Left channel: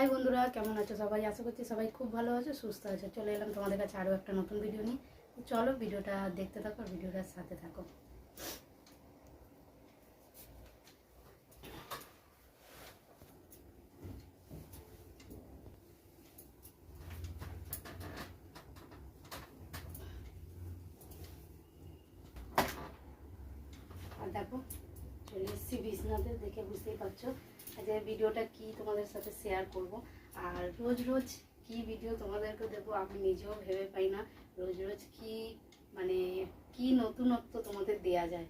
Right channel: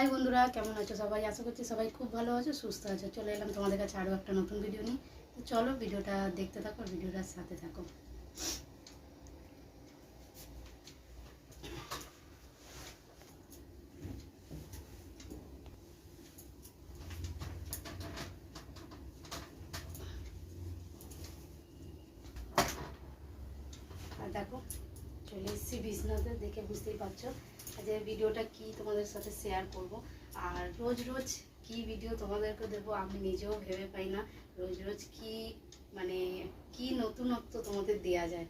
High বন্ধুরা, কেমন আছো সবাই? আশা করছি সবাই খুব ভালো আছো, সুস্থ আছো। চলে এলাম তোমাদের কাছে আরও একটা নতুন ভিডিও নিয়ে। তো চলো ভিডিওটা দেখতে থাকো আর ভিডিওটার সাথে থাকো। আর দেখো চলে এসেছি বিছনাতে, দেখে বুঝতেই পারছো যে ভিডিওটা কি তোমাদের সাথে শেয়ার করব। আর রোজ রোজ কি ভিডিও তোমাদেরকে দেবো আমি নিজেও ভেবে পাই না। রোজ রোজ কি কি নতুনত্ব তোমাদের দেয়া যায়,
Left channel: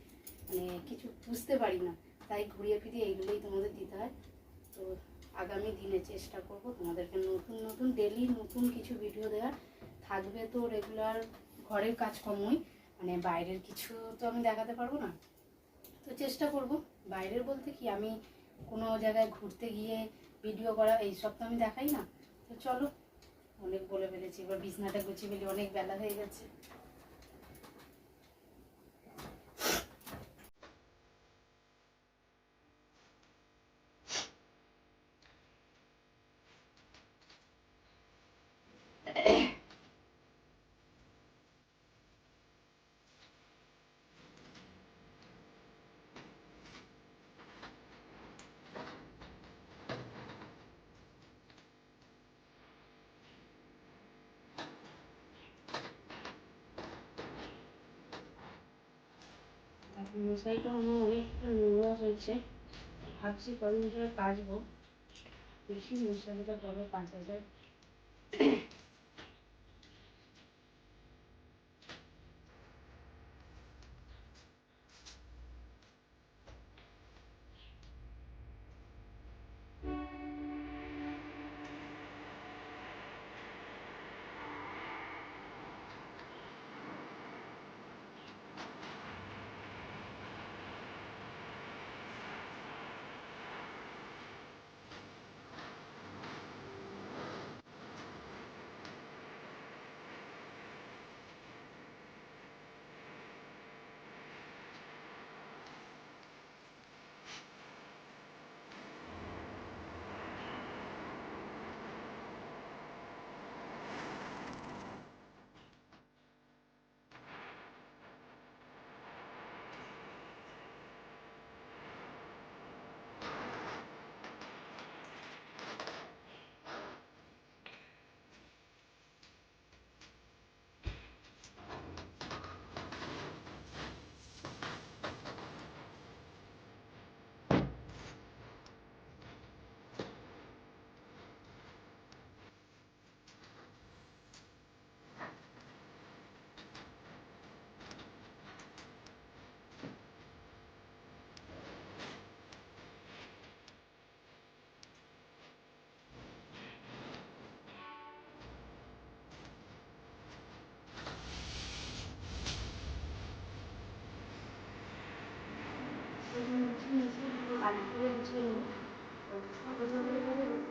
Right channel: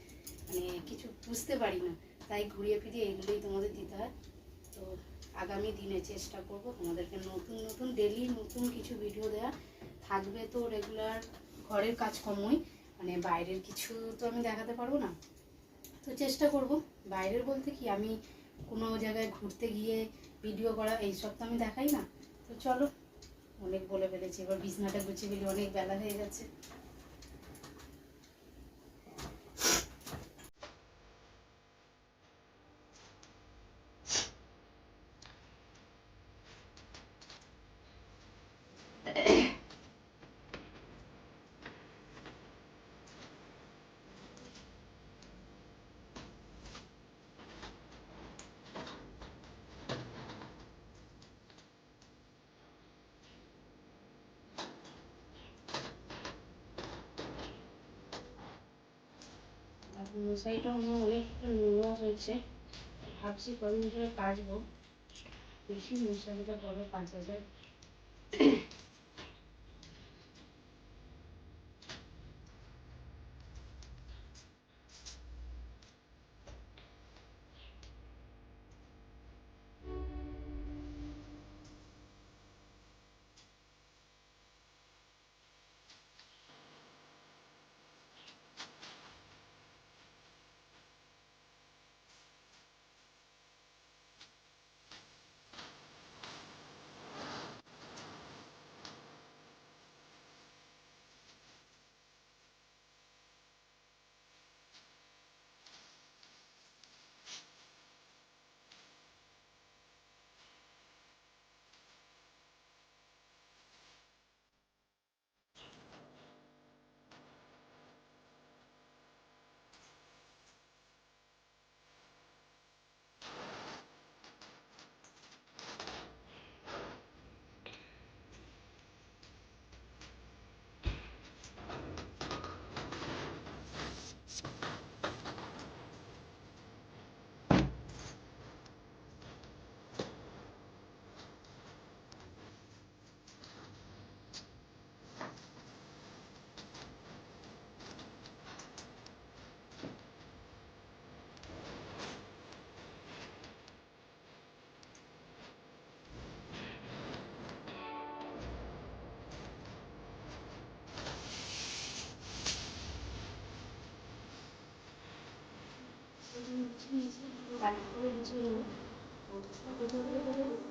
কিছু বুঝতে পারি না। তাই ঘুরিয়ে ফিরিয়ে এইগুলোই তোমাদের দিতে হয়। তো আগামী দিনে চেষ্টা করব তোমাদেরকে নতুন নতুন ডেলি নতুন কিছু ভিডিও দেওয়ার। থাকবে তো রেগুলার ঘরের কাজকর্মই, বাইরের কিছু তো আমি দেখাতে পারবো না। তো চেষ্টা করব। বাইরের বলতে কি, আমি কোনো জায়গায় ঘুরতে গিয়ে ভিডিও করা এইসব তো আমি দেখাই না। তো চলো, অনেক বলে ফেলেছি, এবার বিছনাটা গুছিয়ে ফেলি, অনেক বেলা হয়ে গেছে। মশারিটা আমার অনেকটা নোংরা হয়েছে, ভাবছি কদিন ধরে কাচবো। বেশি মশারিটা কবে কাচা যায়।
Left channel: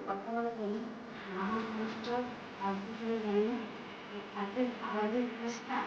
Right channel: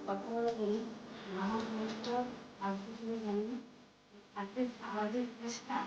কথা বলার জন্য আমার জিনিসটা আসবে কিনা জানি না। হাতে আওয়াজের চেষ্টা।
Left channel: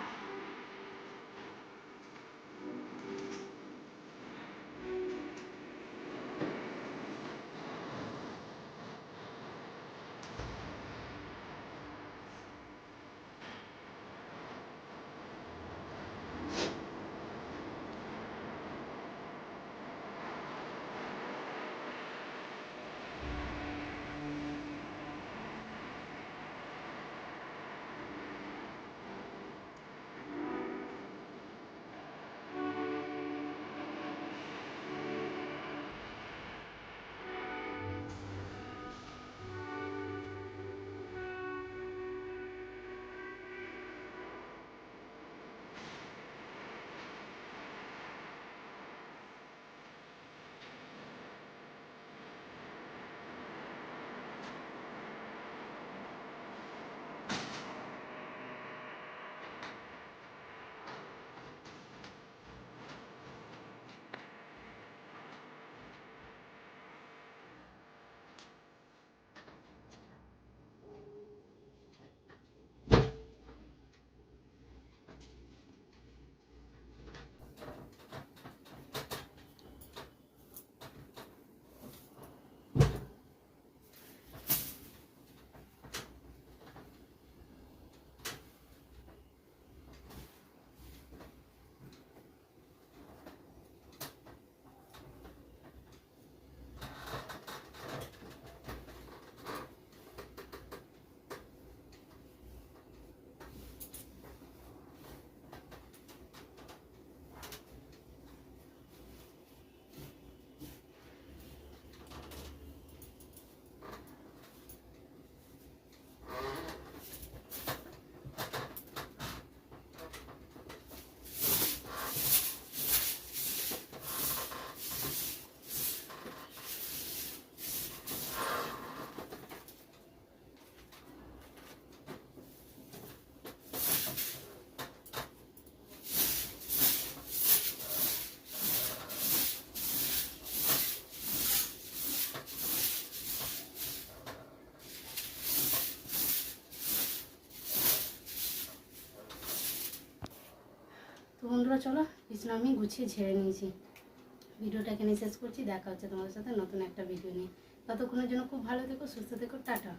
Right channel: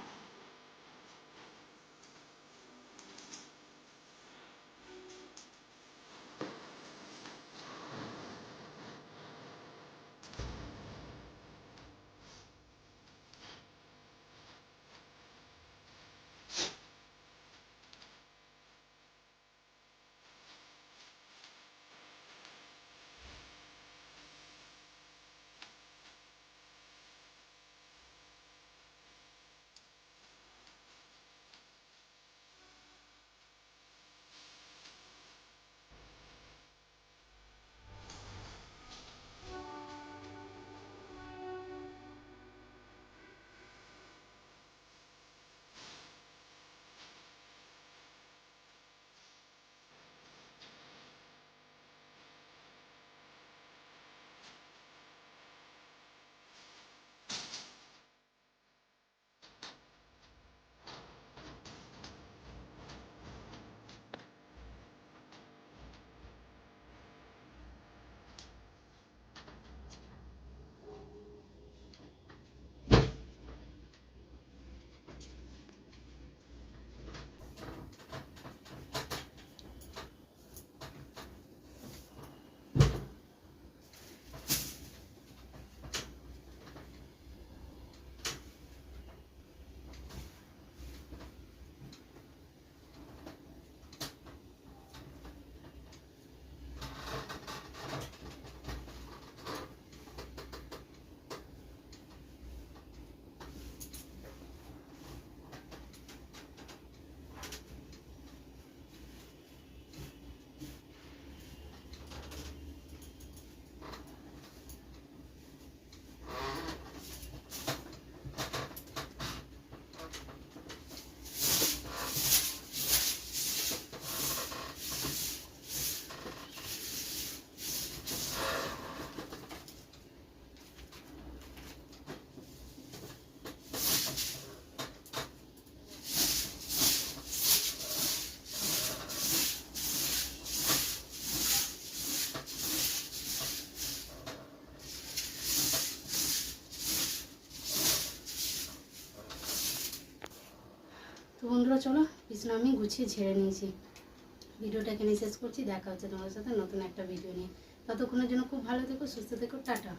তো বন্ধুরা চলো, বিছানা আমি গুছিয়ে ঝেড়ে নিয়েছি। ভিডিওটা এখানে শেষ করছি, দেখা হচ্ছে তোমাদের সাথে নতুন একটা ভিডিও নিয়ে। ততক্ষণের জন্য খুব ভালো থেকো, সুস্থ থেকো, টাটা।